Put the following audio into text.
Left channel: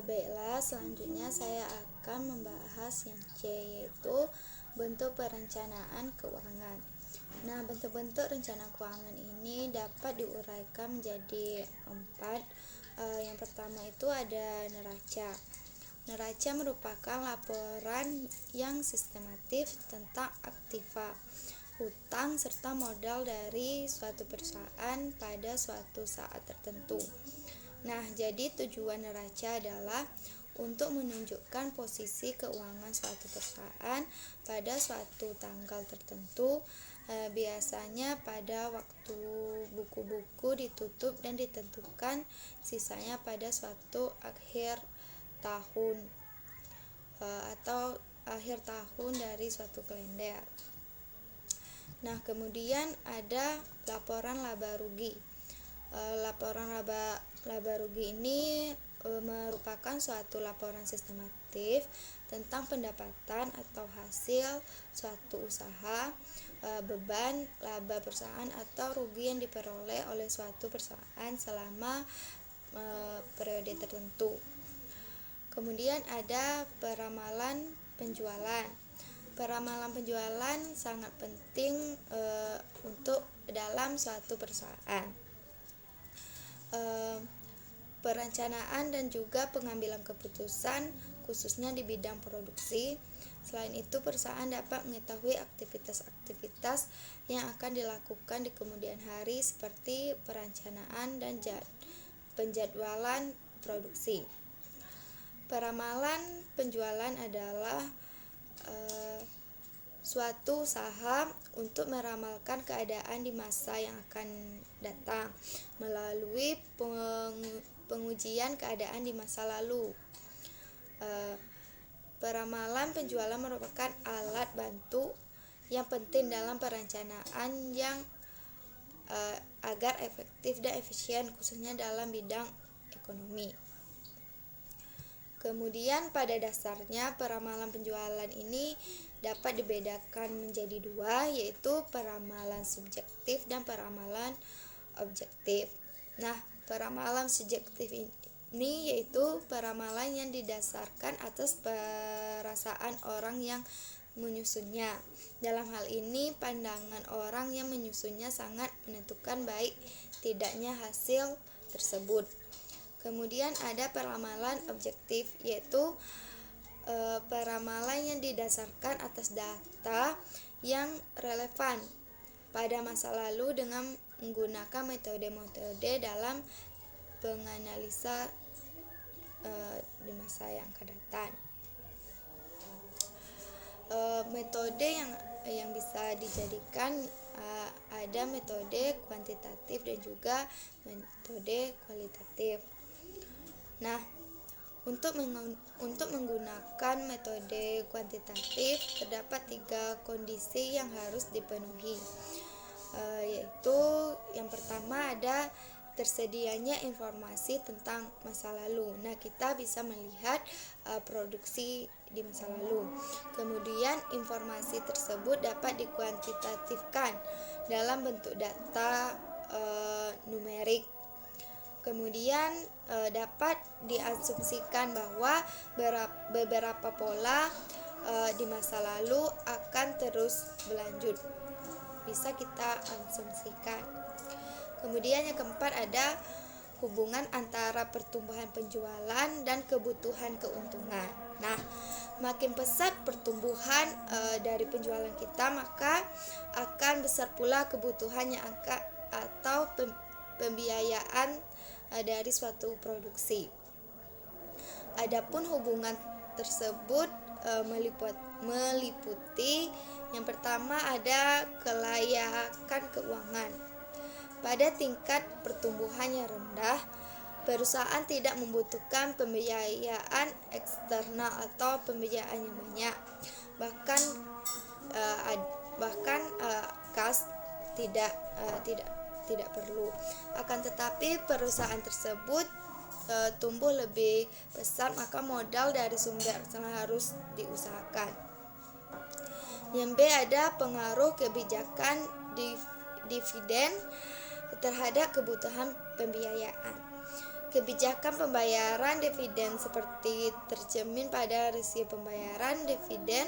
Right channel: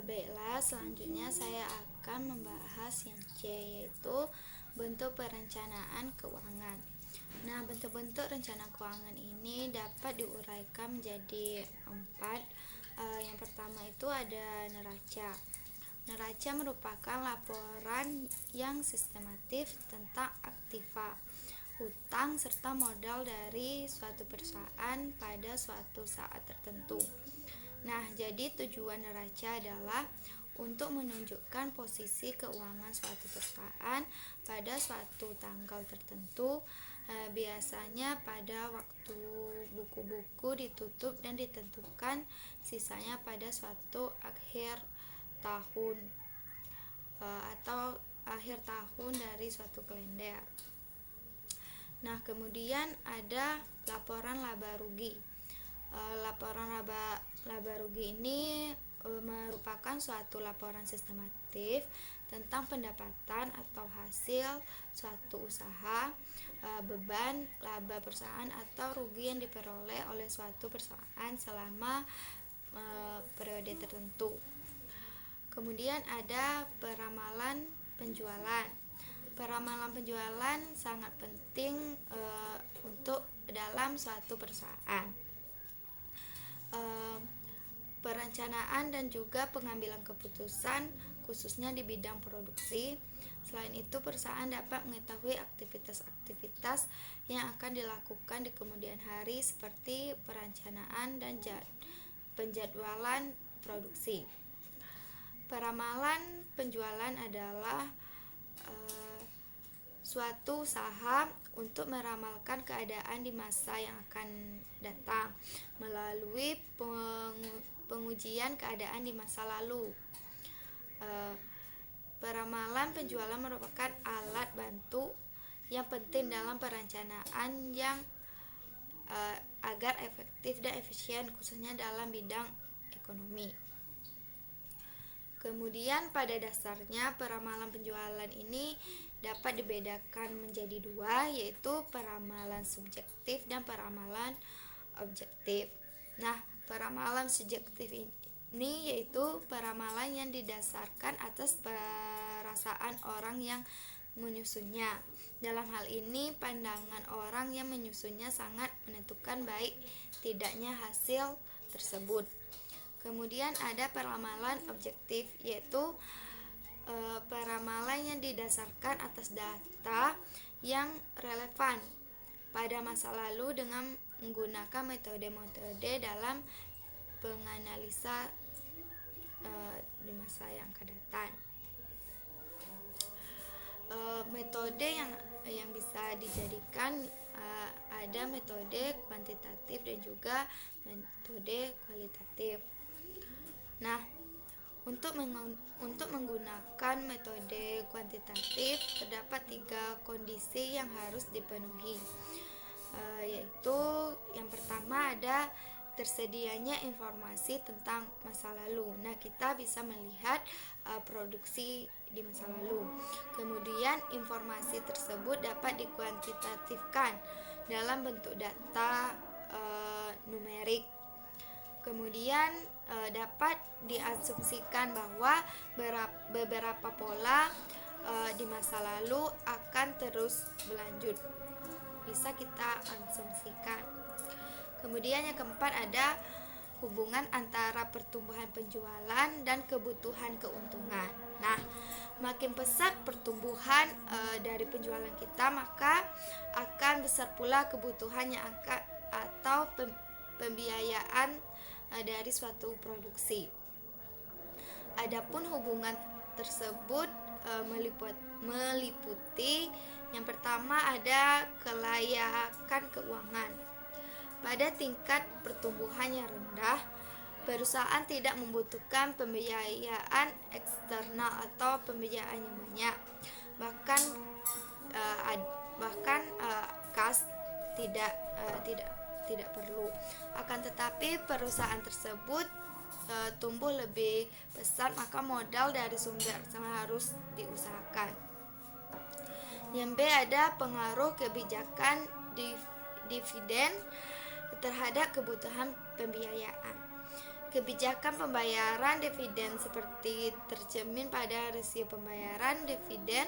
Baiklah, selanjutnya saya akan membahas yang C, yaitu bentuk perencanaan keuangan. Nah, bentuk-bentuk rencana keuangan ini dapat diuraikan menjadi 4. Yang pertama itu ada neraca. Neraca merupakan laporan yang sistematif tentang aktiva, hutang, serta modal dari suatu perusahaan pada suatu saat tertentu. Nah, jadi tujuan neraca adalah untuk menunjukkan posisi keuangan suatu perusahaan pada suatu tanggal tertentu, biasanya pada waktu buku-buku ditutup dan ditentukan sisanya pada suatu akhir tahun atau akhir tahun dari suatu kalender. Nah, kemudian ada laporan laba rugi. Laporan laba rugi ini merupakan suatu laporan sistematif tentang pendapatan atau hasil suatu usaha, beban laba perusahaan atau rugi yang diperoleh oleh suatu perusahaan selama periode tertentu. Kemudian ada peramalan penjualan. Peramalan penjualan sangat penting untuk dalam suatu perusahaan. Perencanaan dan juga pengambilan keputusan khususnya di bidang produksi. Selain itu, perusahaan dapat mengetahui aktivitas-aktivitas yang akan dilakukan di kemudian hari seperti perencanaan dan penjadwalan produksi. Peramalan penjualan adalah suatu usaha untuk meramalkan keadaan di masa yang akan datang melalui pengujian keadaan di masa lalu. Peramalan penjualan merupakan alat bantu yang penting dalam perencanaan yang agar efektif dan efisien khususnya dalam bidang ekonomi. Kemudian pada dasarnya peramalan penjualan ini dapat dibedakan menjadi 2, yaitu peramalan subjektif dan peramalan objektif. Nah, peramalan subjektif ini yaitu peramalan yang didasarkan atas perasaan orang yang menyusunnya. Dalam hal ini, pandangan orang yang menyusunnya sangat menentukan baik tidaknya hasil tersebut. Kemudian ada peramalan objektif, yaitu peramalan yang didasarkan atas data yang relevan pada masa lalu dengan menggunakan metode-metode dalam penganalisa di masa yang akan datang. Metode yang bisa dijadikan ada metode kuantitatif dan juga metode kualitatif. Nah, untuk menggunakan metode kuantitatif terdapat 3 kondisi yang harus dipenuhi, yaitu yang pertama ada tersedianya informasi tentang masa lalu. Nah, kita bisa melihat produksi di masa lalu. Kemudian informasi tersebut dapat dikuantitatifkan dalam bentuk data numerik. Kemudian dapat diasumsikan bahwa beberapa pola di masa lalu akan terus berlanjut. Bisa kita asumsikan. Kemudian yang keempat ada hubungan antara pertumbuhan penjualan dan kebutuhan keuntungan. Nah, makin pesat pertumbuhan dari penjualan kita, maka akan besar pula kebutuhan yang atau pembiayaan dari suatu produksi. Adapun hubungan tersebut meliputi yang pertama ada kelayakan keuangan. Pada tingkat pertumbuhan yang rendah, perusahaan tidak membutuhkan pembiayaan eksternal atau pembiayaan yang banyak. Bahkan kas tidak perlu. Akan tetapi perusahaan tersebut tumbuh lebih besar, maka modal dari sumber eksternal harus diusahakan. Yang B ada pengaruh kebijakan dividen terhadap kebutuhan pembiayaan. Kebijakan pembayaran dividen seperti tercermin pada rasio pembayaran dividen